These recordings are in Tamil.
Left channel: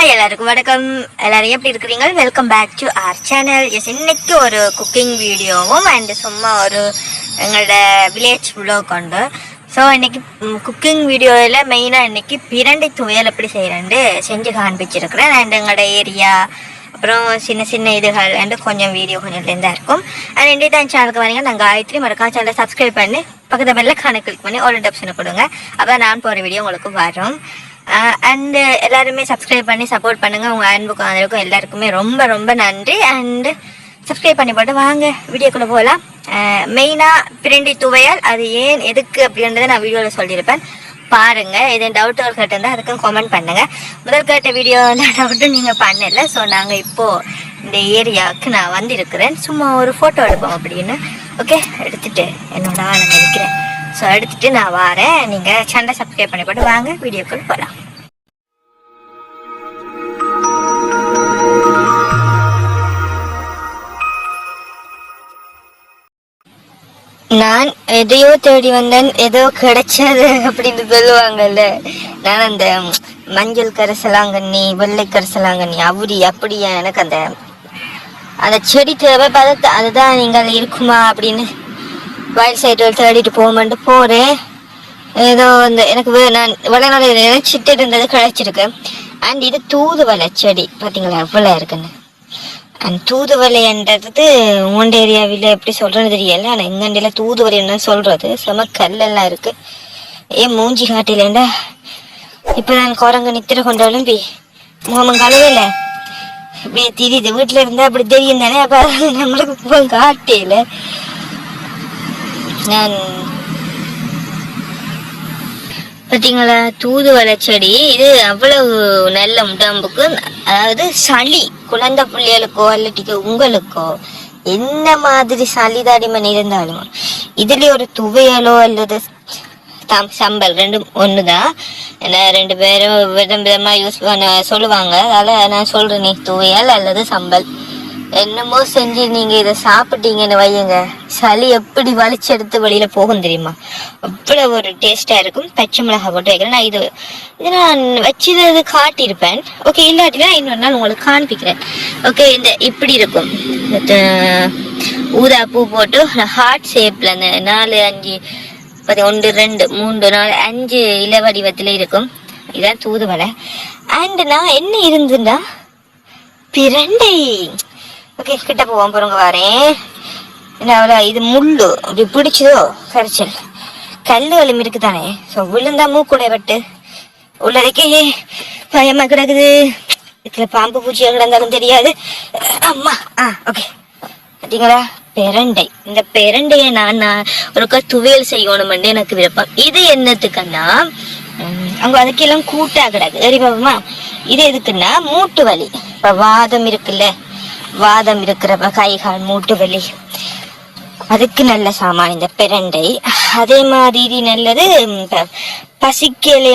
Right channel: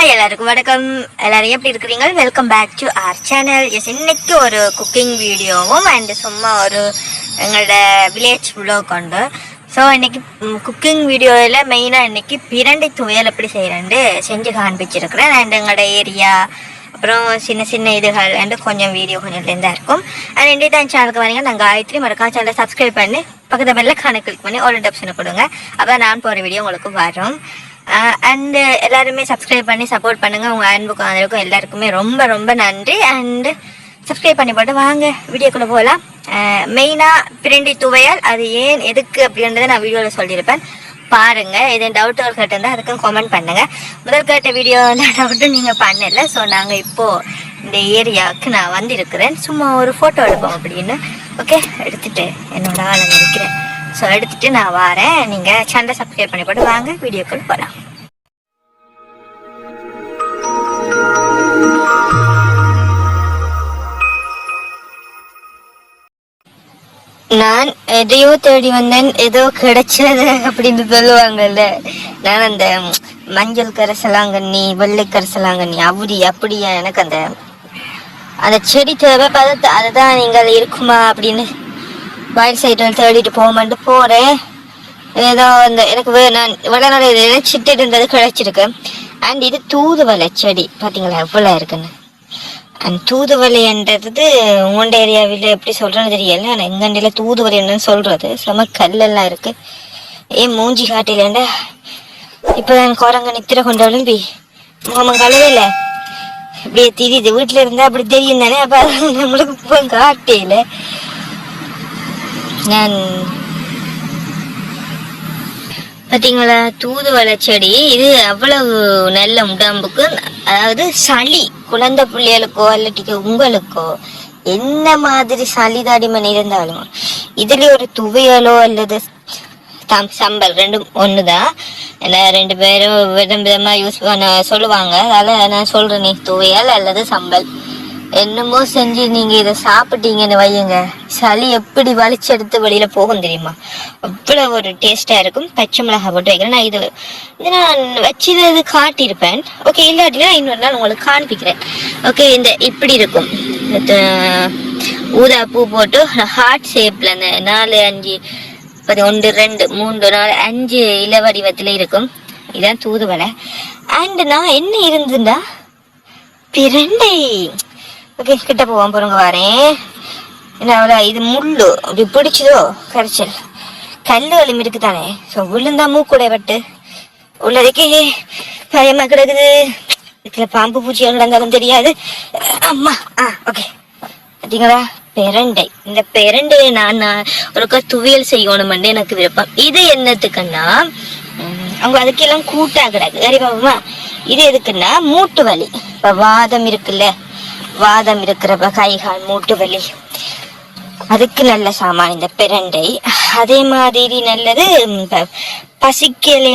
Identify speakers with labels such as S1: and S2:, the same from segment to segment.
S1: ஹாய் எல்லாருக்கும் வணக்கம். எல்லாரும் எப்படி இருக்கிறீங்க? Welcome back to our channel yes இன்னைக்கு ஒரு குக்கிங் வீடியோவும் அண்ட் சும்மா ஒரு எங்களோட வில்லேஜ் vlog உண்டு. ஸோ இன்னைக்கு குக்கிங் வீடியோவில் மெயினாக இன்னைக்கு பிரண்டை துவையல் எப்படி செய்கிறேன்ட்டு செஞ்சு காண்பிச்சிருக்கிறேன். அண்ட் எங்களோட ஏரியா அப்புறம் சின்ன சின்ன இதுகள் அண்டு கொஞ்சம் வீடியோ கொஞ்சம் இருந்தால் இருக்கும். அண்ட் இன்றைய தான் சேனலுக்கு வரீங்க நான் காயத்ரி. மறக்காம சேனலை சப்ஸ்கிரைப் பண்ணி பக்கத்து பெல்ல கணக்கு கிளிக் பண்ணி ஒரு ஆப்ஷனை கொடுங்க. அப்போ நான் போகிற வீடியோ உங்களுக்கு வரும். அண்ட் எல்லாருமே சப்ஸ்கிரைப் பண்ணி சப்போர்ட் பண்ணுங்க. உங்க அன்புக்கும் அதற்கும் எல்லாருக்குமே ரொம்ப ரொம்ப நன்றி. அண்ட் சப்ஸ்கிரைப் பண்ணி போட்டு வாங்க. வீடியோக்குள்ள போகலாம். மெயினாக பிரண்டி துவையால். அது ஏன் எதுக்கு அப்படின்றத நான் வீடியோவில் சொல்லியிருப்பேன். பாருங்க. இது கேட்டு கேட்டிருந்தா அதுக்கும் கமெண்ட் பண்ணுங்க. முதல் கேட்ட வீடியோ டவுட்டும் நீங்க பண்ணல. ஸோ நாங்க இப்போ இந்த ஏரியாவுக்கு நான் வந்திருக்கிறேன். சும்மா ஒரு ஃபோட்டோ எடுப்போம் அப்படின்னு. ஓகே எடுத்துட்டு என்னோட ஆளை நினைக்கிறேன். ஸோ எடுத்துட்டு நான் வரேன். நீங்க சேனலை சப்ஸ்கிரைப் பண்ணி போட்டு வாங்க. வீடியோக்குள்ள போகலாம் நான் எதையோ தேடி வந்தேன். ஏதோ கிடைச்சது அப்படின்னு சொல்லுவாங்கல்ல. நான் அந்த மஞ்சள் கரைசலாங்கண்ணி வெள்ளை கரைசலாங்கண்ணி அவுரி அப்படியா எனக்கு அந்த அந்த செடி தேவை பார்த்து அதுதான் நீங்கள் இருக்குமா அப்படின்னு வயல் சைடு தேடிட்டு போகமான்ட்டு போகிறேன் ஏதோ அந்த எனக்கு வே- நான் விளையாட நினைச்சிட்டு இருந்தது கிடச்சிருக்கு. அண்ட் இது தூதுவளை செடி. பார்த்தீங்களா எவ்வளோ இருக்குன்னு. அண்ட் தூதுவளைன்றது உண்ட ஏரியாவில் எப்படி சொல்கிறேன்னு தெரியல. ஆனால் எங்கண்டில என்னன்னு சொல்கிறது செம கல்லெல்லாம் இருக்குது ஏன் மூஞ்சி காட்டிலேண்டா இப்போ நான் குரங்க நித்திர கொண்டாலும் பி முகமும் கலவையில் இப்படியே தெரியுது. வீட்டில் இருந்தால் அப்படி தெரியும் தானே. அப்போ அது நம்மளுக்கு நான் பாத்தீங்களா? தூதுவளை செடி இது அவ்வளவு நல்ல உடம்புக்கு அதாவது சளி குழந்தை பிள்ளைகளுக்கோ இல்லாட்டிக்கு உங்களுக்கோ என்ன மாதிரி சளி தடிமன் இருந்தாலும் இதுலயும் ஒரு துவையலோ அல்லது தம் சம்பல் ரெண்டும் ஒண்ணுதான். ஏன்னா ரெண்டு பேரும் விதம் விதமா யூஸ் பண்ண சொல்லுவாங்க. அதனால நான் சொல்றேன் நீ துவையல் அல்லது சம்பல். என்னமோ செஞ்சு நீங்க இதை சாப்பிட்டீங்கன்னு வையுங்க. சளி எப்படி வலிச்சு எடுத்து வெளியில போகும் தெரியுமா? அவ்வளவு ஒரு டேஸ்டா இருக்கும். பச்சை மிளகாய் போட்டு வைக்கிறேன். நான் இது இதை நான் வச்சது காட்டியிருப்பேன். ஓகே இல்லாட்டினா இன்னொரு நாள் உங்களுக்கு காண்பிக்கிறேன். ஓகே இந்த இப்படி இருக்கும். ஊதா பூ போட்டு ஹார்ட் ஷேப்ல அந்த நாலு அஞ்சு அது ஒன்று ரெண்டு மூன்று நாலு அஞ்சு இல வடிவத்துல இருக்கும். இதான் தூதுவலை அண்ட் நான் என்ன இருந்துண்டா பிரண்டை. ஓகே கிட்ட போவோம் பாருங்க வரேன். என்ன இது முள்ளு. அப்படி பிடிச்சதோ கரைச்சல் கல் வலிம் இருக்குதானே? ஸோ விழுந்தா மூக்குடைய வட்டு. உள்ளதுக்கே பயமா கிடக்குது. இதுல பாம்பு பூச்சி கிடந்தாலும் தெரியாது. அம்மா ஆ ஓகே. பார்த்தீங்களா பெரண்டை. இந்த பெரண்டையை நான் ஒருக்கா துவையல் செய்யணுமெண்டு எனக்கு விருப்பம். இது என்னத்துக்குன்னா அவங்க அதுக்கெல்லாம் கூட்டா கிடக்கு. சரி பாபுமா இது எதுக்குன்னா மூட்டு வலி. இப்ப வாதம் இருக்குல்ல. வாதம் இருக்கிறப்ப கை கால் மூட்டு வலி அதுக்கு நல்ல சாமான் இந்த பிரண்டை. அதே மாதிரி நல்லது ம்,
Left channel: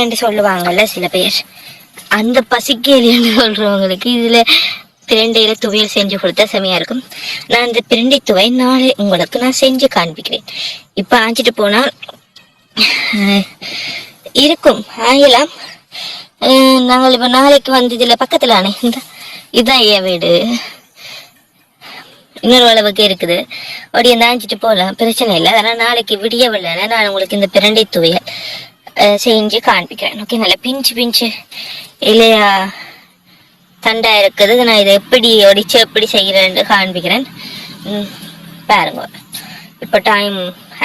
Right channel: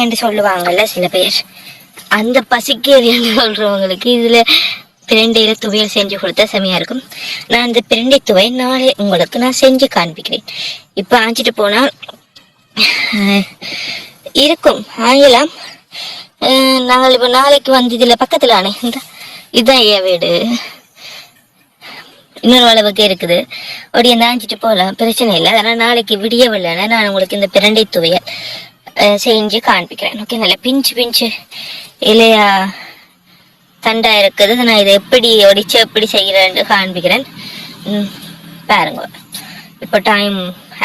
S1: என்று சொல்லுவாங்கல்ல சில பேர். அந்த பசிக்கலை என்று சொல்றவங்களுக்கு இதுல பிரண்டையில துவையல் செஞ்சு கொடுத்தா செமையா இருக்கும். நான் இந்த பிரண்டை துவை நாளை உங்களுக்கு நான் செஞ்சு காண்பிக்கிறேன். இப்ப ஆஞ்சிட்டு போனா இருக்கும். ஆங்கலாம் நாங்கள் இப்ப நாளைக்கு வந்து இதுல பக்கத்துல ஆனே இந்த இதுதான் என் வீடு. இன்னொரு அளவுக்கு இருக்குது. அப்படியே தாஞ்சிட்டு போகலாம் பிரச்சனை இல்லை. ஆனால் நாளைக்கு விடிய வரலன்னா நான் உங்களுக்கு இந்த பிரண்டை துவையல் செஞ்சு காண்பிக்கிறேன். ஓகே நல்லா பிஞ்சு பிஞ்சு இலையா தண்டா இருக்குது. நான் இதை எப்படி ஒடிச்சு எப்படி செய்கிறேன்னு காண்பிக்கிறேன். பாருங்க. இப்போ டைம்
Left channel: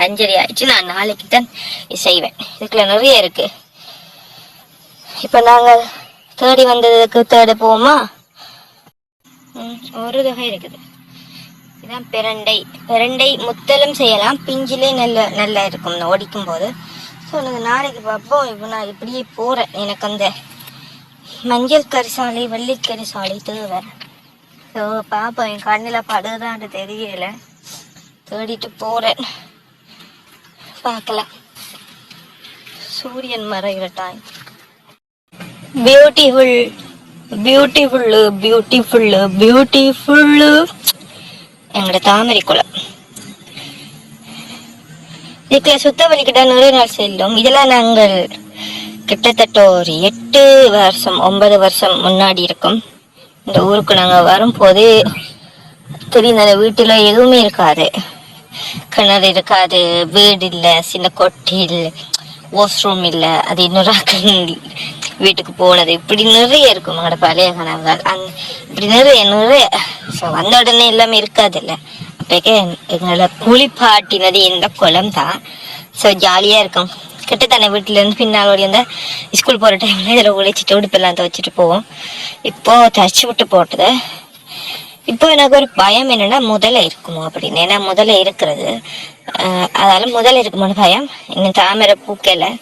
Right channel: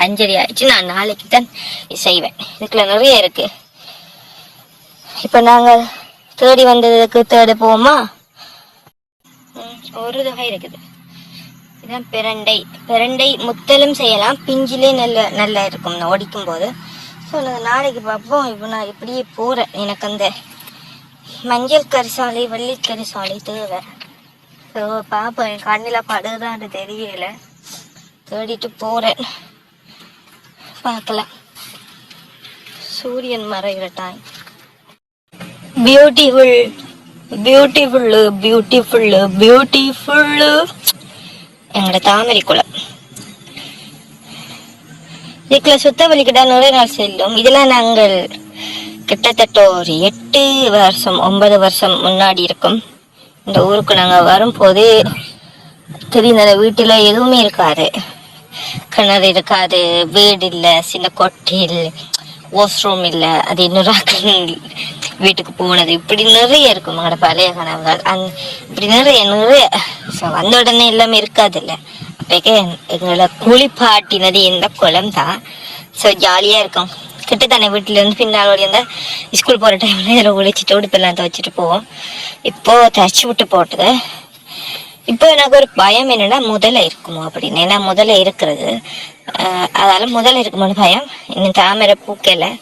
S1: அஞ்சரை ஆயிடுச்சு. நான் நாளைக்கு தான் செய்வேன். இதுக்குள்ள நிறைய இருக்கு. இப்போ நாங்கள் தேடி வந்ததுக்கு தேட போவோமா? ஒரு தொகை இருக்குது. இதுதான் பிரண்டை. பிரண்டை முத்தலும் செய்யலாம். பிஞ்சிலே நல்ல நல்லா இருக்கும். ஒடிக்கும் போது ஸோ நான் நாளைக்கு பார்ப்போம். இப்போ நான் இப்படியே போகிறேன் எனக்கு அந்த மஞ்சள் கரிசாலை வெள்ளை கரிசாலை தேவை. ஸோ பார்ப்போம் என் கண்ணில் படுதான்னு தெரியல. தேடிட்டு போகிறேன் பார்க்கலாம். சூரியன் மறைகிற time beautiful beautiful beautiful beautiful எங்களோட தாமரை குளம். இதுக்குள்ள சுத்த வலிக்கிட்ட நிறைய நாள் செல்லும். இதெல்லாம் நாங்கள் கிட்டத்தட்ட ஒரு எட்டு வருஷம் ஒன்பது வருஷம் முன்னாடி இருக்கும். இந்த ஊருக்கு நாங்க வரும்போது தெரியும் அந்த வீட்டுல எதுவுமே இருக்காது. கிணறு இருக்காது வீடு இல்ல சின்ன கொட்டில் இல்லை வாஷ்ரூம் இல்ல அது இன்னொரு வீட்டுக்கு போனது. இப்படி நிறைய இருக்கும். நம்மளோட பழைய கனவுகள். அந் இப்படி நிறைய நிறைய. So, வந்த உடனே எல்லாமே இருக்காது இல்ல அப்பேக்க எங்களை குளிப்பாட்டினது இந்த குளம் தான் ஸோ ஜாலியா இருக்கும். கிட்ட தானே வீட்டுல இருந்து பின்னால் ஓடி இருந்தா ஸ்கூல் போற டைம்ல இதில் குளிச்சுட்டு உடுப்பெல்லாம் துவைச்சிட்டு போவோம். இப்போ தச்சு விட்டு போட்டது. இப்போ எனக்கு ஒரு பயம் என்னன்னா முதல்ல இருக்குமோ அப்படின்னு. ஏன்னா முதல்ல இருக்கிறது. ஆஹ் அதனால முதல்ல இருக்குமோன்னு பயம். இன்னும் தாமரை பூக்கல.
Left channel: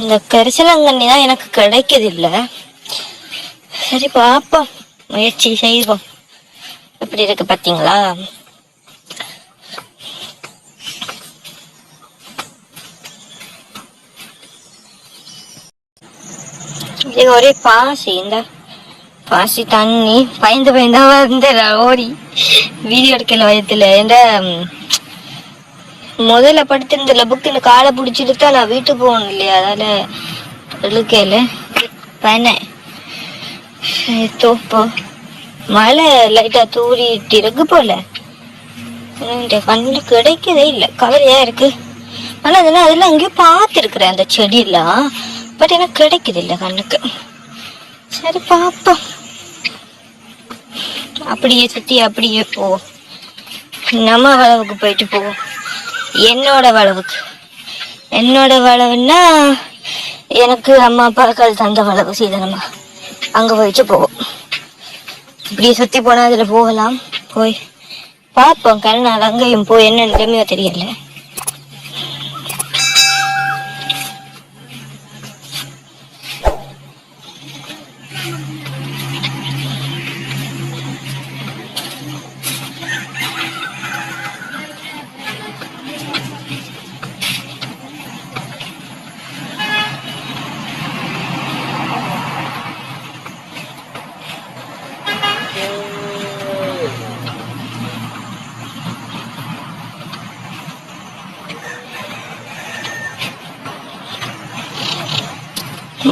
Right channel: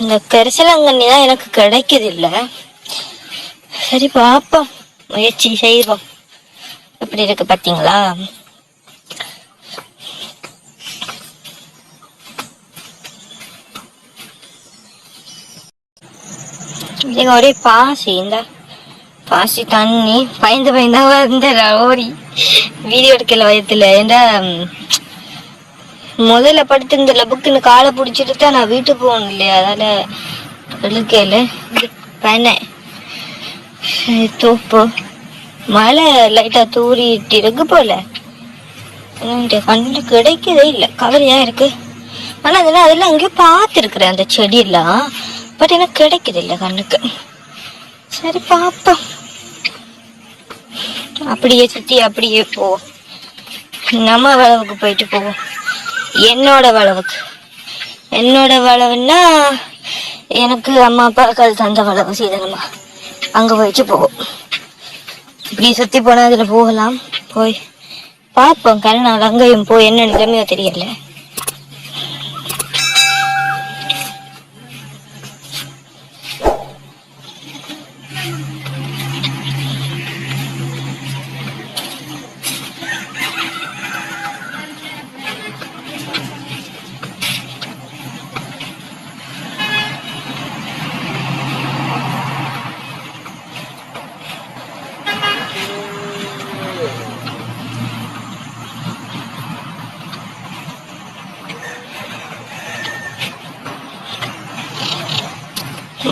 S1: இந்த கரிசலாங்கண்ணி தான் எனக்கு கிடைக்குது இல்ல சரி பாப்போம். முயற்சி செய்வோம். எப்படி இருக்கு பாத்தீங்களா? இது ஒரே பாசி இந்த பாசி தண்ணி பயந்து பயந்தா வந்து ஓடி. வீடியோ எடுக்கல வயத்துல என்ற முதல்ல படுத்திருந்த புக்குன்னு காலை பிடிச்சிட்டு நான் வீட்டுக்கு போகணும் இல்லையா? அதனால இழுக்கையில தானே தோப்பு மழை லைட்டா தூரிட்டு இருக்கு போல. கண்ணு கிடைக்கவே இல்லை. கவலையா இருக்கு? ஆனா அதெல்லாம் அதெல்லாம் அங்கேயே பார்த்துருக்குறேன் அந்த செடியெல்லாம். பட் எனக்கு கிடைக்குது இல்லை கண்ணுக்கு. சரி பார்ப்போம். அப்படியே சுத்தி அப்படியே போ. நம்ம வளவுக்கு போயிட்டு போவோம். என்னோட வளவுக்கு என்னோட வளவுன்னா எனக்கு அம்மா அப்பா கால் தந்த வளவு சீதனமா. அங்க போயிட்டு போவோம். இப்படி சுத்தி போனா அதுல போகலாம். போய் பார்ப்போம். கல்யாணம் அங்கேயும் போய் என்னன்னு. நிலைமையோ தெரியல.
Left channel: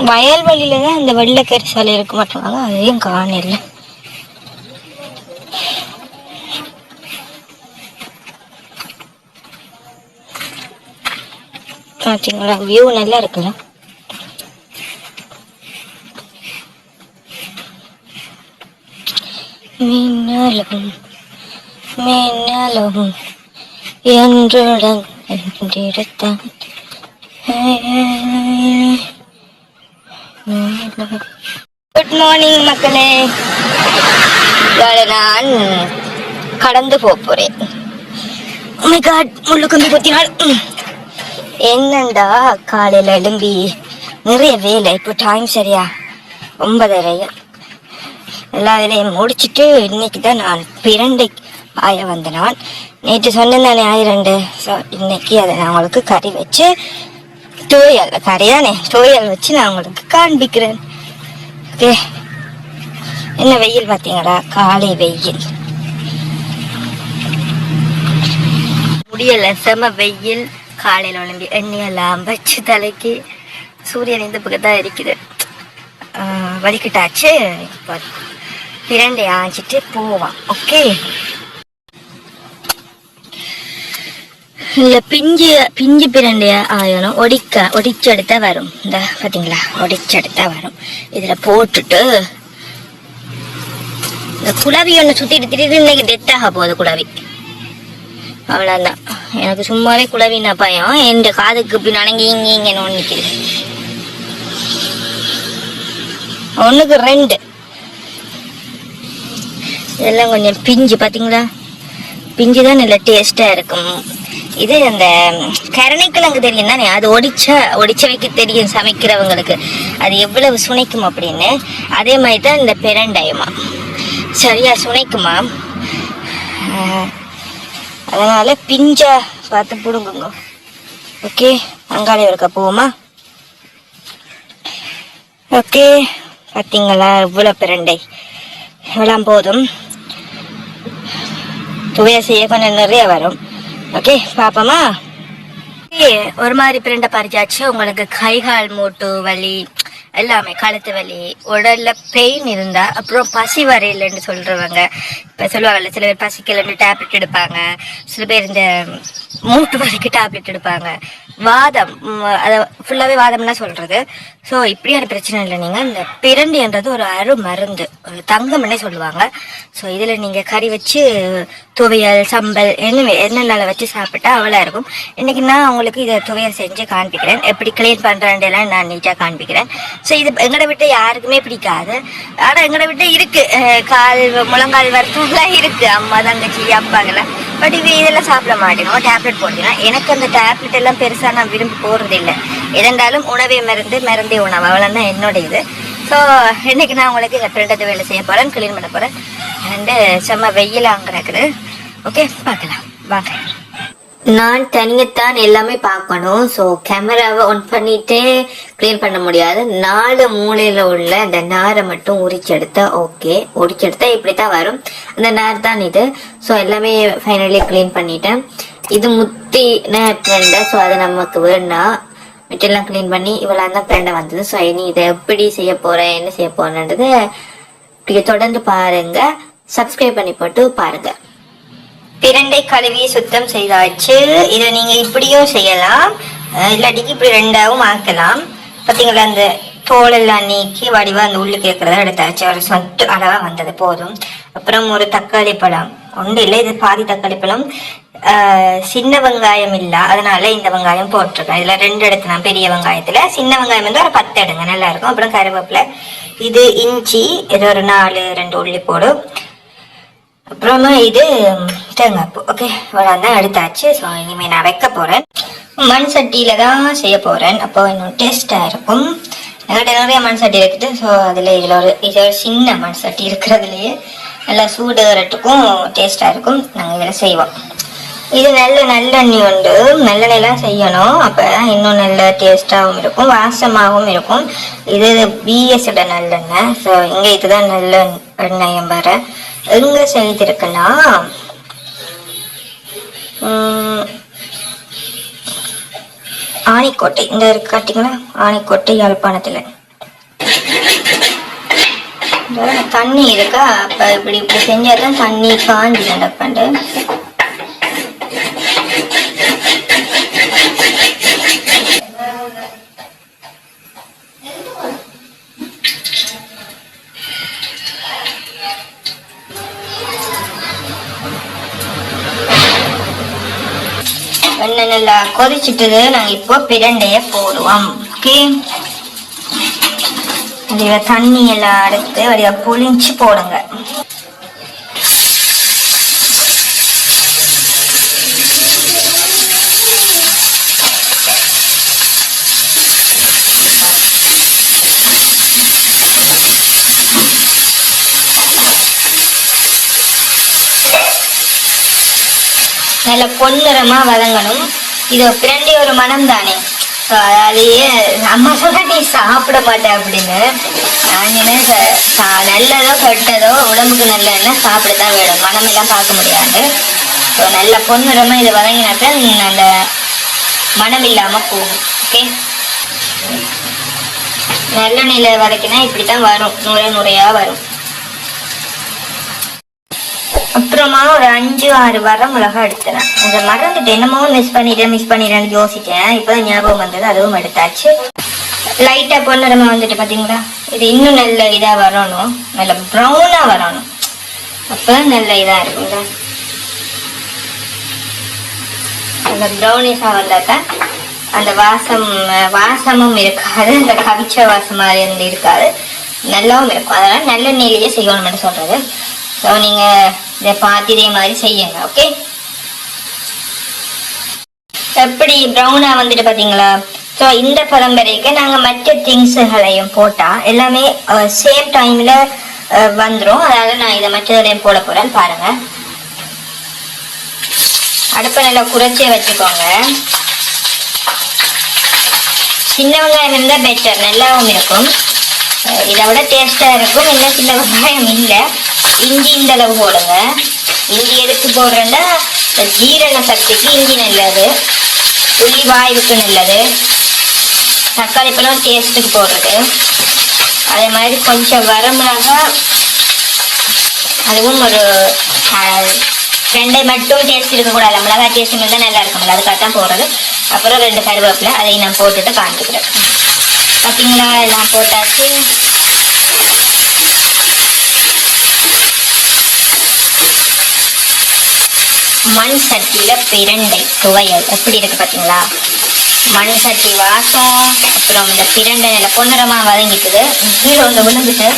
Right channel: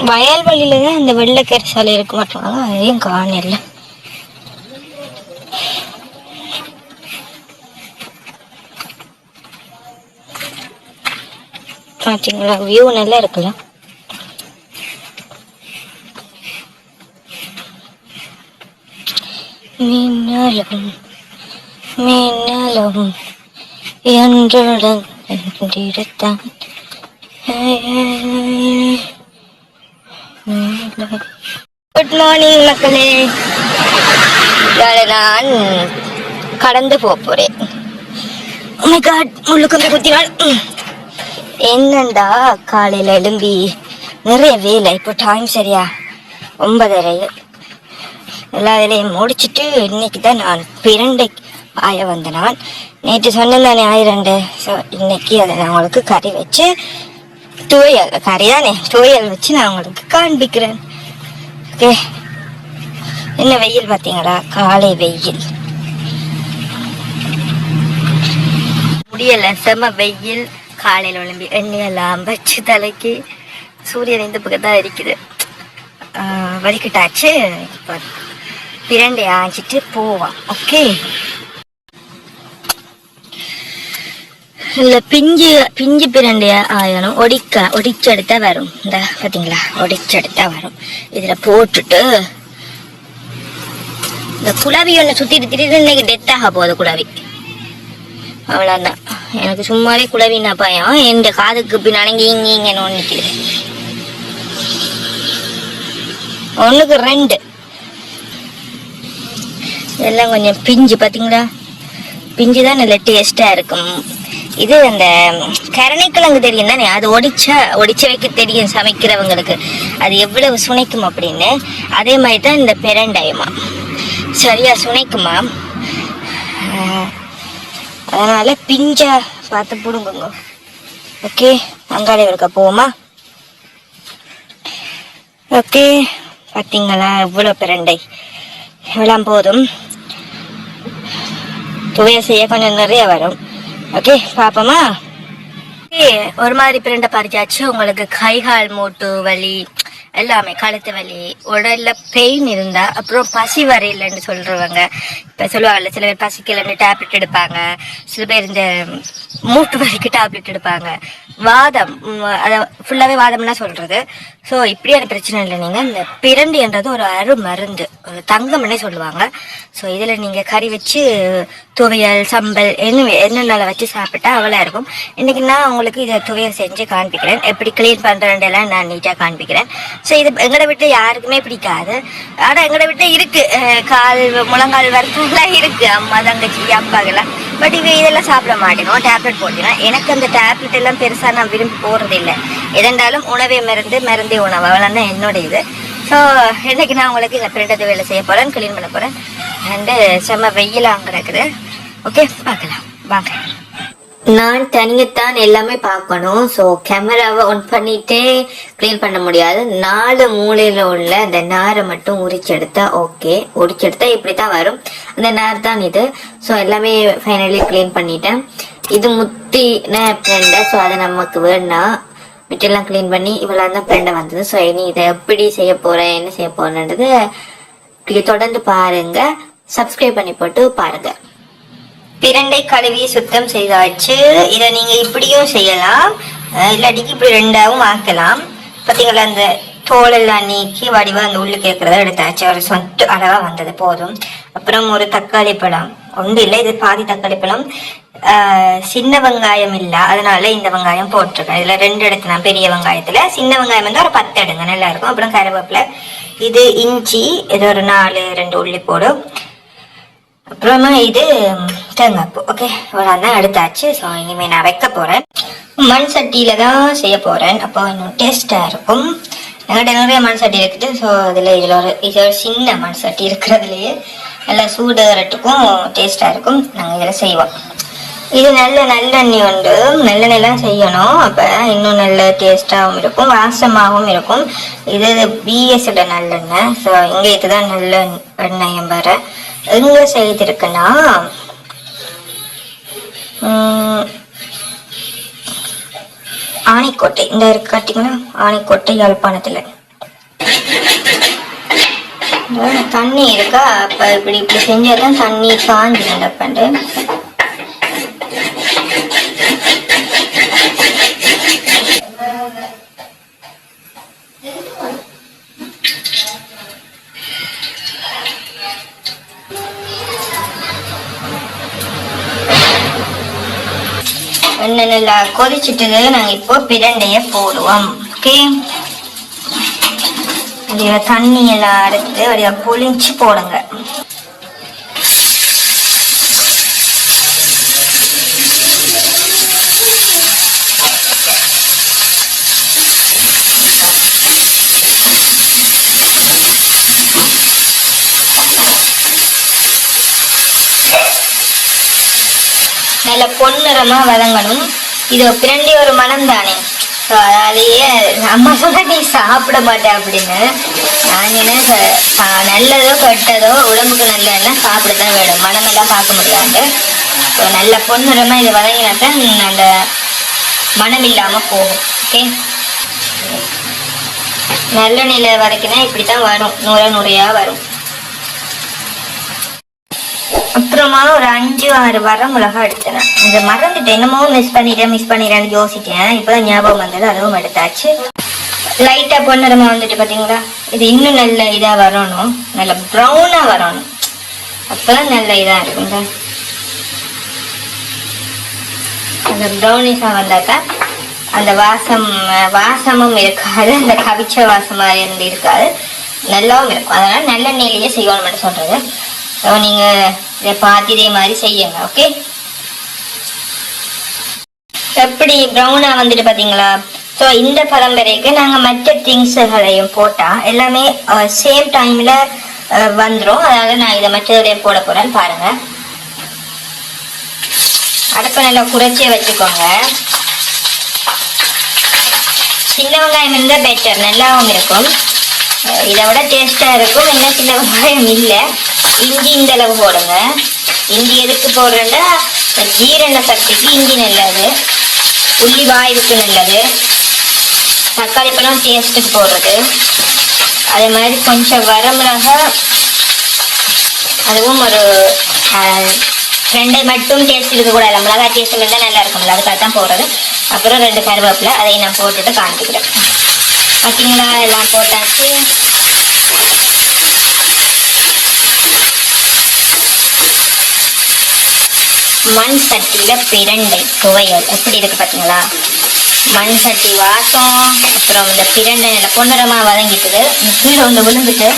S1: வயல்வெளியில தான் அந்த வெள்ளைக்கறி சாலை இருக்க மாட்டாங்க அதையும் காணல. பாத்தீங்களா? வியூ நல்லா இருக்குல்ல? மின்னலும் மின்னலும் என்றுடன் குட் மார்னிங் மக்களே நான் கடந்து போக போறேன். Oh முள்ளு கும்பி குத்தினாள் என்னண்டா காலையில எழும்பி நிறைய வேலை. இப்போ டைம் சரியா? ஒன்பதரை எல்லா வேலையும் முடிச்சிட்டு இன்னைக்கு தான் நான் பிரண்டை ஆய வந்த நான் நேற்று சொன்னேன் தானே ஆயிரண்டு. ஸோ இன்னைக்கு அதை நான் உங்களுக்கு கறி வச்சு துவையல் கறி தானே துவையல் வச்சு நான் உங்களுக்கு காண்பிக்கிறேன். ஓகே என்ன வெயில் பார்த்தீங்களா காலை வெயில். முடியல செம வெயில். காலையில் உழம்பி எண்ணெயெல்லாம் வச்சு தலைக்கு. சூரியன் இந்த பக்கத்தான் அடிக்குது. ஆஹ் வலிக்கிட்டாச்சு? இப்போ பிரண்டை ஆஞ்சிட்டு போவான். ஓகே இல்ல பிஞ்சு பிஞ்சு பிரண்டைய ஆயணும் ஒடிக்க ஒடிச்செடுத்தா வரும். இந்த பாத்தீங்களா? ஒடிச்செடுத்தா வரும். இதுல போட்டுட்டு இந்த குழவி ஒன்று சுத்திட்டு திடீர்னு இன்னைக்கு டெத் ஆக போகுது குழவி. அவ்வளோதான் எனக்கு சும்மாவே குழவின பயம். என் காதுக்கு பின்னால இங்க இங்க நிற்கிது ஒன்றுக்கு ரெண்டு. இதெல்லாம் கொஞ்சம் பிஞ்சு பார்த்தீங்களா பிஞ்சு தான் நல்ல டேஸ்ட்டாக இருக்கும். இது அந்த கரணைக்கிழங்கு தெரியும் தானே? அது ஒடிச்ச ஒடிச்ச வைக்க தெரியும் சமைக்கிறவங்களுக்கு. அது எவ்வளவு சுனைக்கும் அப்படின்னு. அதே மாதிரி தான் இந்த பெரண்டாயமா. சரியா சுனைக்குமா? அதனால பிஞ்சா பார்த்து பிடுங்குங்க. ஓகே அங்காடி இருக்க போவோமா? ஓகே பார்த்தீங்களா இவ்வளோ பிரண்டை. இவ்வளோ போதும். துவைய செய்ய கொஞ்சம் நிறைய வரும். ஓகே பாப்போமா? ஒரு மாதிரி பிரண்ட பறிச்சாச்சு. உங்களுக்கு கை கால் மூட்டு வலி எல்லாமே கழுத்து வலி உடல்ல பெயின் இருந்தா அப்புறம் பசி வரையிலன்னு சொல்றவங்க இப்ப சொல்லுவாங்கல்ல சில பேர் பசிக்கலன்னு டேப்லெட் எடுப்பாங்க. சில பேர் இந்த மூட்டு வலிக்கு டேப்லெட் எடுப்பாங்க. வாதம் ஃபுல்லாவே வாதம்னா சொல்றது. ஸோ இப்படியான பிரச்சனை இல்லை. நீங்க இந்த பிரண்டின்றது ஒரு அரு மருந்து ஒரு தங்கம்னே சொல்லுவாங்க. ஸோ இதுல நீங்க கறி வச்சு துவையல் சம்பல் என்ன என்னென்ன வச்சு சாப்பிட்டா அவ்வளோ இருக்கும். இன்னைக்கு நான் உங்களுக்கு இதை துவையல் செஞ்சு காண்பிக்கிறேன். எப்படி கிளீன் பண்றேன் எல்லாம் நான் நீட்டா காண்பிக்கிறேன். ஸோ இது எங்கட விட்டு யாருக்குமே பிடிக்காது. ஆனா எங்கட விட்டு இருக்கு. கால் முழங்கால் வரைக்கும்லாம் இருக்கு. அம்மா தங்கச்சி அப்பாக்கெல்லாம். பட் இவ இதெல்லாம் சாப்பிட மாட்டேங்கும் டேப்லெட் போட்டீங்கன்னா எனக்கு அந்த டேப்லெட் எல்லாம் பெருசா நான் விரும்பி போகிறது இல்லை. எதென்றாலும் உணவே மருந்து மருந்தே உணவு. அவ்வளோதான் என்னோட இது ஸோ இன்னைக்கு நான் உங்களுக்கு இந்த பிரிண்டத்தை வேலை செய்ய போறேன் க்ளீன் பண்ண போறேன். அண்டு செம்ம வெயிலாக கிடக்குது. ஓகே பார்க்கலாம். வாங்க. நான் தனியத்தான் எல்லாமே பார்க்கணும். ஸோ கேமராவை ஆன் பண்ணிட்டே கிளீன் பண்ண முடியாது. நாலு மூலையில உள்ள அந்த நாரை மட்டும் உரிச்செடுத்தா ஓகே உரிச்செடுத்தா இப்படி தான் வரும். அந்த நார் தான் இது. ஸோ எல்லாமே ஃபைனலி கிளீன் பண்ணிட்டேன். இது முத்தி ஃப்ரெண்டை ஸோ அது நமக்கு வேணாம் மெட்டீரியல்லாம் க்ளீன் பண்ணி இவ்வளோ தான் ஃப்ரெண்டை வந்தது. ஸோ இனி இதை எப்படி செய்ய போகிறேன் என்ன செய்ய போறேன்றது இப்படி தொடர்ந்து பாருங்க. சப்ஸ்கிரைப் பண்ணி போட்டு பாருங்க. பிரண்டை கழுவி சுத்தம் செய்தாச்சு. இதை நீங்க இப்படியும் செய்யலாம். இல்லாட்டிக்கு இப்படி ரெண்டாவும் ஆக்கலாம். பாத்தீங்களா அந்த தோல் எல்லாம் நீக்கி வடிவா அந்த உள்ளு இருக்கிறத எடுத்தாச்சு. ஒரு சொட்டு அளவா வந்தது போதும். அப்புறம் ஒரு தக்காளி பழம். ஒன்று இல்லை இது பாதி தக்காளி பழம். சின்ன வெங்காயம் இல்ல. அதனால இந்த வெங்காயம் போட்டிருக்கேன். இதுல ரெண்டு எடுத்தேன் பெரிய வெங்காயத்துல. சின்ன வெங்காயம் வந்து ஒரு பத்து எடுங்க. நல்லா இருக்கும் அப்புறம் கருவேப்பிலை. இது இஞ்சி. இது ஒரு நாலு ரெண்டு உள்ளி போடும் அப்புறமா இது தேங்காய்ப்பு. ஓகே அவ்வளோதான் எடுத்தாச்சு. ஸோ இனிமேல் நான் வைக்க போகிறேன் மண் சட்டியில தான் செய்ய போகிறேன் அப்போ இன்னும் டேஸ்ட்டாக இருக்கும். என்கிட்ட நிறைய மண் சட்டி இருக்குது. ஸோ அதில் இதில் ஒரு இது ஒரு சின்ன மண் சட்டி இருக்கிறதுலையே. நல்லா சூடு வரட்டுக்கும் டேஸ்ட்டாக இருக்கும். நாங்கள் இதில் செய்வோம். இது நல்ல நல்லெண்ணெய் உண்டு. நல்லெண்ணெய்லாம் செய்யணும். அப்போ இன்னும் நல்ல டேஸ்டாகவும் இருக்கும் வாசமாகவும் இருக்கும். இது பிஎஸ்ல நல்லெண்ணெய் ஸோ இங்கே இதுதான் நல்ல எண்ணெயம் வர எங்க செய்திருக்குன்னா ஆணிக்கோட்டை. இந்த இருக்கு காட்டிங்களா ஆணிக்கோட்டை யாழ்ப்பாணத்துல. தண்ணி இருக்கா? அப்ப இப்படி இப்படி செஞ்சாதான் தண்ணி காஞ்சி நடப்பண்டு கொதிச்சிட்டு நாங்க இப்போ பிரண்டைய போடுவோம். ஓகே? வடிவா தண்ணி எல்லாம் எடுத்து வடிவா புளிஞ்சு போடுங்க. நல்ல பொன்னிறமா வதங்கணும். இது பிரண்டி ஒரு மனம் தானே அதையே அம்மா சொல்ற நீ சாப்பிட மாட்டேன் அப்படின்னு. நான் என்ன சா- நல்லதோ கெட்டதோ உடம்புக்கு நல்லதுன்னா சாப்பிடத்தான் வேணும். மனமெல்லாம் பார்க்க முடியாது. நல்ல பொன்னிறமா இது வதங்கினாக்கா அந்த மனம் இல்லாம போகும். ஓகே நல்ல நல்லெண்ணெயில இப்படி இப்படித்தான் வரும். நுரை நுரையா வரும். அப்புறமா ஒரு அஞ்சு ஆறு வர மிளகா எடுத்துறேன். இந்த மறந்துட்டு என்னமோ மிஸ் பண்ணிட்டேன் மிஸ் பண்ணிட்டேன்னு யோசிச்சேன். இப்பதான் ஞாபகம் வந்தது அதுவும் எடுத்தாச்சு. லைட்டா பொன்னிறமா வந்துட்டு பாத்தீங்களா? இது இன்னும் நல்ல இதா வரணும். நல்ல ப்ரௌனா வரணும். அப்பதான் நல்ல இதா இருக்குங்களா அந்த ப்ரௌனிஷா வந்தாக்கா அந்த வாசம் வாசமும் இருக்காது. அந்த கவிச்ச வாசம் மாதிரி இருந்து இருக்காது. நல்லாவும் இருக்கும். அதெல்லாம் நல்ல நிலையே செய்யணும்னு சொல்றது. ஸோ நீங்கள் இதை பார்த்து இதே மாதிரி செய்யுங்க ஓகே எப்படி ப்ரௌனா வந்துட்டு பாத்தீங்களா ஸோ இந்த பரம்பரைக்கு நாங்கள் மற்ற திங்ஸுகளையும் போட்டால் எல்லாமே சேம் டைமில் வந்துடும் அதனால் நான் இதை மற்றதுலையும் போட போகிறேன் பாருங்க. அடுப்பை நல்லா குறைச்சே வச்சுக்கோங்க. சின்ன வெங்காயம் இருந்தால் பெட்டர் நல்லாவும் இருக்கும். இதை விட டேஸ்டா இருக்கும். என்ன சின்ன வெங்காயம் இல்லை. இஞ்சி இந்த அளவு போடுங்க. இஞ்சி எதுக்கு போடுறேன்னா ஜீரண சக்திக்கு இஞ்சி நல்லது. உள்ளி வாய்வுக்கு நல்லது. தக்காளி பழம் டேஸ்ட்டுக்கு போடுறது. அதே மாதிரி கொஞ்சம் வரமிளகா அதுவும் ஒரு ரெண்டு மட்டும் டேஸ்ட் இருக்கக்கூடாது மிளகா டேஸ்ட் மட்டும் நல்லா இருக்கும்ல அதுக்காக தான் போடுறது. அப்புறம் ரெண்டு கருவேப்பிலை அதையும் நான் போட்டுட்டு காமிக்கிறேன். பார்த்தீங்களா? எல்லாம் போட்டாச்சு. மண் சட்டியில பிரண்டை துவையல் எப்படி இருக்கு பார்த்தீங்களா மண் சட்டி வாசம் அப்புறம் இந்த பிரண்டை நில பொன்னிறமா வதங்கிட்டுது கீழே ஒன்று விழுந்துட்டு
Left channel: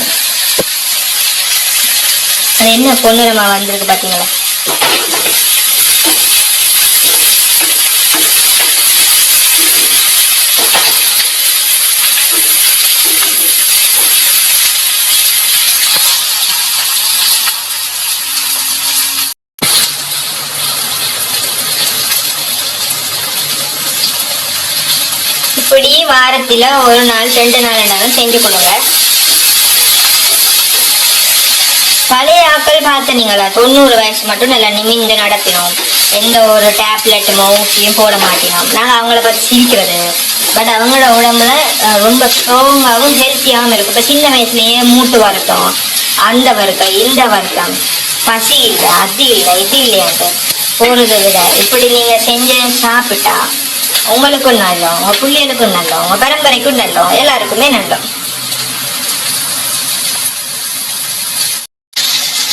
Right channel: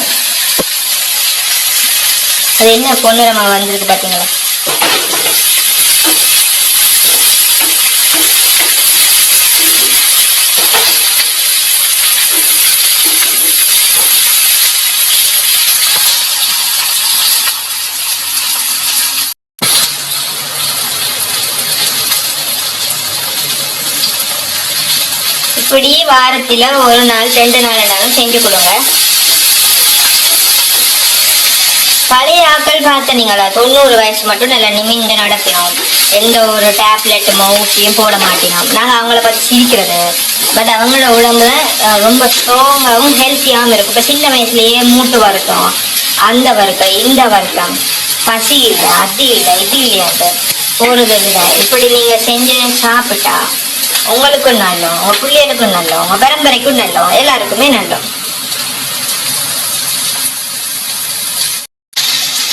S1: அது என்ன பொன்னிறமா வந்திருக்கு பார்த்தீங்களா இப்படி வாரத்தில் ஒரு நாள் ரெண்டு நாள் என்னாலும் செஞ்சு கொடுங்க. பழைய ஆக்கள் பார்த்தனீங்களா தொண்ணூறு வயசு மட்டும் நல்லா நிமிந்து நடத்தினோம். எந்த ஒரு டேப்லெட்டுமோ ஊசியும் போட மாட்டினோம். நாங்கள் அவங்கள பற்றி சிரிக்கிறது. பட் அவங்களோட உடம்புல ரொம்ப ஸ்ட்ராங்காகவும் ஹெல்த்தியாகவும் இருக்கும் இப்போ சின்ன வயசுலேயே மூட்டு வருத்தம் அந்த வருத்தம் இந்த வருத்தம். பசி இல்லை அது இல்லை இது இல்லையாட்டு போறதை விட இப்படி நீங்கள் செஞ்சு சாப்பிட்டா உங்களுக்கும் நல்லோம் உங்க பிள்ளைகளுக்கும் நல்லோம் உங்க பரம்பரைக்கும் நல்லோம் எல்லாருக்குமே நல்லோம்.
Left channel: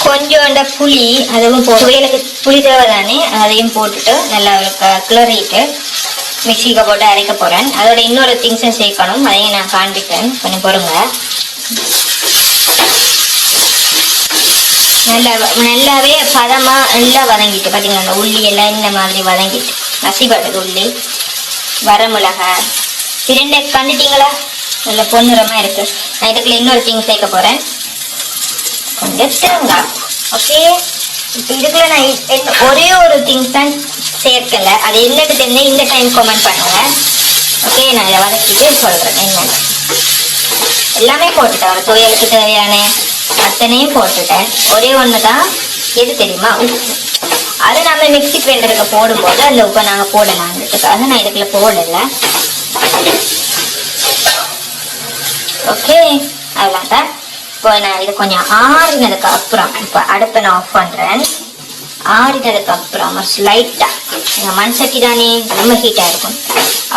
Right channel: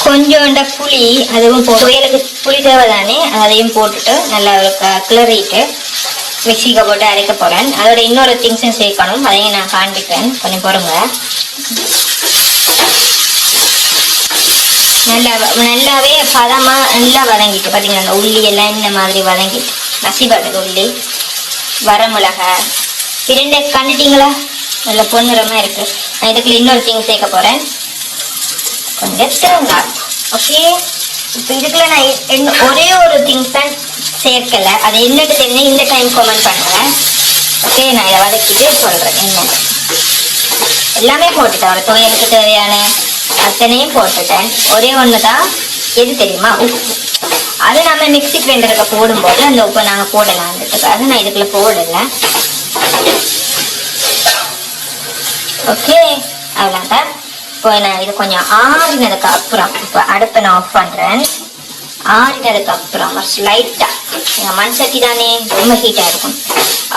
S1: கொஞ்சோண்ட புளி அதுவும் போ புயலுக்கு புளி தேவை தானே அதையும் போட்டுட்டு நல்லா கிளறிட்டு மிக்சிக்கு போட்டு அரைக்க போறேன். அதோட இன்னொரு திங்ஸும் சேர்க்கணும். அதையும் நான் காண்பிக்கிறேன். கொஞ்சம் பொறுங்க. நல்லா நல்லாவே பதமா நல்லா வதங்கிட்டு பாத்தீங்களா அந்த உள்ளி எல்லாம் இந்த மாதிரி வதங்கிட்டு நசிபடுது உள்ளி. வரமிளகா பிரண்டை கண்டுட்டீங்களா நல்ல பொன்னிறமா இருக்கு. நான் இதுக்குள்ள இன்னொரு திங் சேர்க்க போறேன். கொஞ்சம் தேங்காய். ஓகே இப்போ இதுக்குள்ள நான் என்ன- ஒரே ஒரு திங்ஸ் தான் சேர்க்கல. அது என்னன்னு தெரிஞ்சு இந்த டைம் கமெண்ட் பண்ணுங்க. ஓகே நான் இதை வதக்கிட்டு சொல்றேன். என்னன்னு. எல்லாமே போட்டுட்டேன். ஒரு துவையலுக்கு தேவையான அத்தனையும் போட்டுட்டேன். ஒரே ஒன்று தான் எது தெரியுமா? உப்பு. அது நம்ம மிக்சி கிரைண்டருக்கு போடும்போது அந்த உப்பை நாங்கள் போடலான்றதுக்காக நான் இதுக்குள்ள போடலை. ஓகே அதனால இப்போ நான் இது கொஞ்சம் ஆறினதுக்கு அப்புறம் இப்போ அடுப்பை நான் ஆஃப் பண்ணுறேன் ஆறினதுக்கு அப்புறம் லைட்டாக மண் சட்டி தானே ரொம்ப ஹீட்டாக இருக்கும்.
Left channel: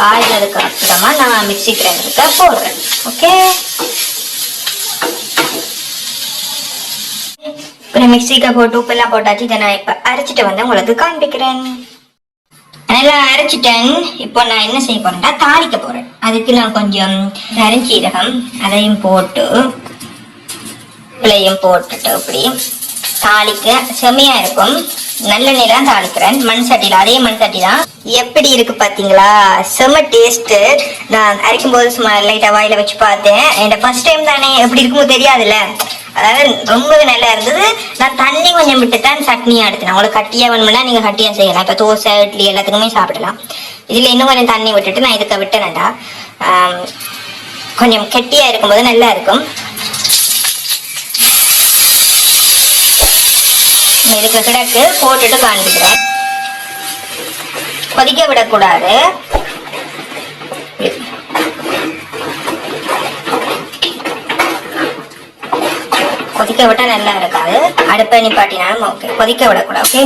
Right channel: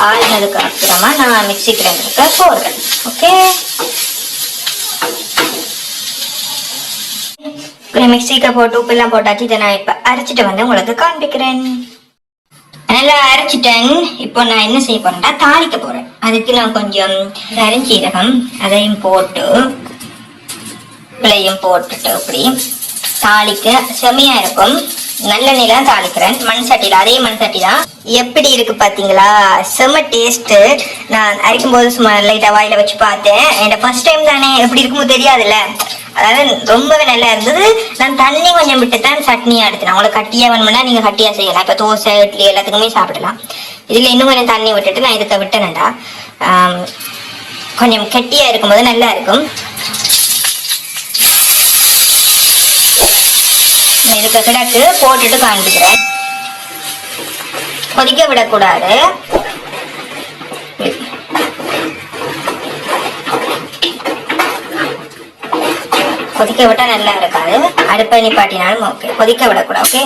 S1: ஆறினதுக்கு அப்புறமா நான் மிக்சி கிரைண்டருக்கு போடுறேன். ஓகே மிக்சிக்கு நான் மிக்ஸிக்கு போட்டு உப்பெல்லாம் போட்டாச்சு இதை நான் இப்போ அரைச்சிட்டு வந்து உங்களுக்கு காண்பிக்கிறேன். நல்லா அரைச்சிட்டேன். இப்போ நான் என்ன செய்ய போறேன்னா தாளிக்க போறேன். அதுக்கு நான் கொஞ்சம் கரஞ்சீரகம் அதையும் போட்டு பிள்ளையும் போட்டுட்டு இப்படி தாளிக்க செமையா இருக்கும். நல்ல தான் தாளிக்கிறேன். மண் சட்டியில் அதே மண் சட்டி தான் எப்படி இருக்கு பாத்தீங்களா? செம டேஸ்ட் நான் அரைக்கும் போது சும்மா லைட்டா வாயில வச்சு பார்த்தேன். என் ஃபர்ஸ்ட் டைம் தானே. எப்படி இருக்குமோ தெரியாதுல்ல. அதாவது ரொம்பவே நல்லா இருந்தது. நான் தண்ணி கொஞ்சம் விட்டு தான் சட்னியா எடுத்தேன். உங்களுக்கு கட்டியா வேணும்னா நீங்க கட்டியா செய்யலாம். இப்ப தோசை இட்லி எல்லாத்துக்குமே சாப்பிடலாம். இதுல இன்னும் கொஞ்சம் தண்ணி விட்டுட்டு நான் இதுக்கு விட்டேன்டா கொஞ்சம் கெட்டியா இருக்கும்போது நல்லா இருக்கும். இதுக்கு கிடக்கு போட்டுட்டு காண்பிக்கிறேன் கொதிக்க விடக்கூடாது. கொதிக்க விட்டா நல்லா இருக்காது. அடுப்பை நிப்பாட்டினாலும் ஓகே கொதிக்க விடக்கூடாது ஓகே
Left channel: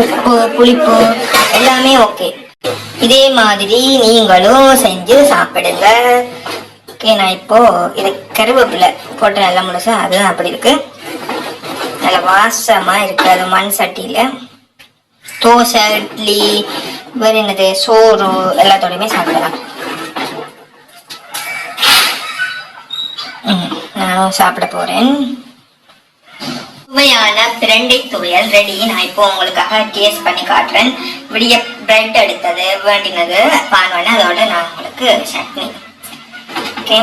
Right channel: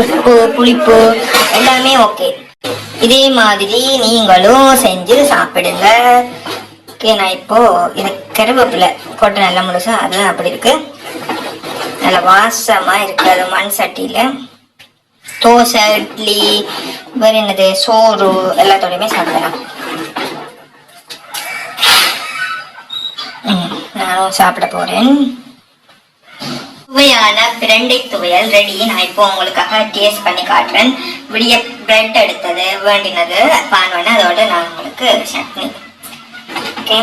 S1: உப்பு புளிப்பு எல்லாமே ஓகே இதே மாதிரி நீங்களும் செஞ்சு சாப்பிடுங்க. ஓகே நான் இப்போ இது கருவேப்பிலை போட்டு நல்லா முழுசா அதுதான் அப்படி இருக்கு. நல்ல வாசமா இருக்கு அது மண் சட்டியில. தோசை இட்லி வேற என்னது சோறு எல்லாத்தோடையுமே சாப்பிடலாம். நானும் சாப்பிட போறேன். சுவையான பிரண்டை துவையல் ரெடி நான் இப்போ உங்களுக்காக டேஸ்ட் பண்ணி காட்டுறேன். விடிய பிரெட் எடுத்தது வேண்டினது பான் அதோட நான் உங்களுக்கு சட்னி. ஓகே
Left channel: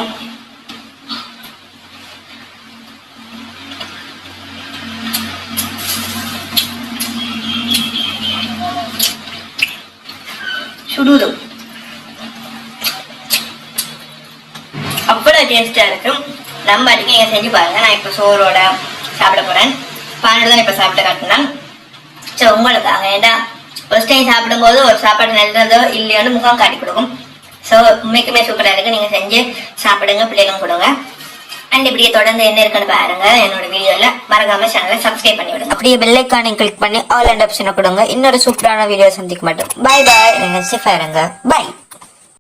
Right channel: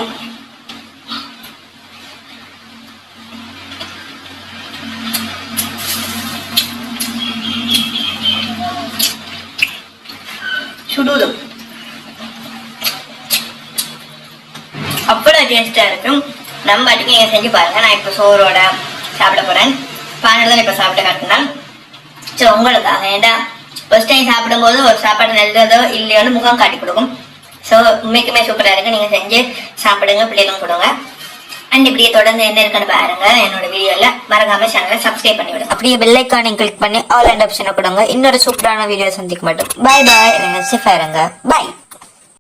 S1: சுடுது. அவ்வளோ டேஸ்டாக இருக்கும். நம்ம அதுக்கு நீங்க செஞ்சு பாருங்க. நான் இப்போ சோறோட சாப்பிட போறேன். பானல் தான் இப்ப சாப்பிட காட்டினான் ஸோ உங்களுக்காக ஏண்டா ஃபர்ஸ்ட் டைம் சாப்பிடும்போது ஒரு சாப்பாடு நல்லதோ இல்லையோன்னு முகம் காட்டி கொடுக்கும். ஸோ உண்மைக்குமே சூப்பரா இருக்கு. நீங்க செஞ்சு சாப்பிடுங்க பிள்ளைகளும் கொடுங்க. அண்ட் இப்படியே தொடர்ந்து என்ன இருக்குன்னு பாருங்க. என்னோட வீடியோல மறக்காம சேனலை சப்ஸ்கிரைப் பண்ணி விடுங்க. அப்படியே பெல் ஐக்கானை கிளிக் பண்ணி ஆல் அண்ட் ஆப்ஷனை கொடுங்க. இன்னொரு சூப்பரான வீடியோ சந்திக்க மாட்டோம் பை பாய் பாருங்க. பை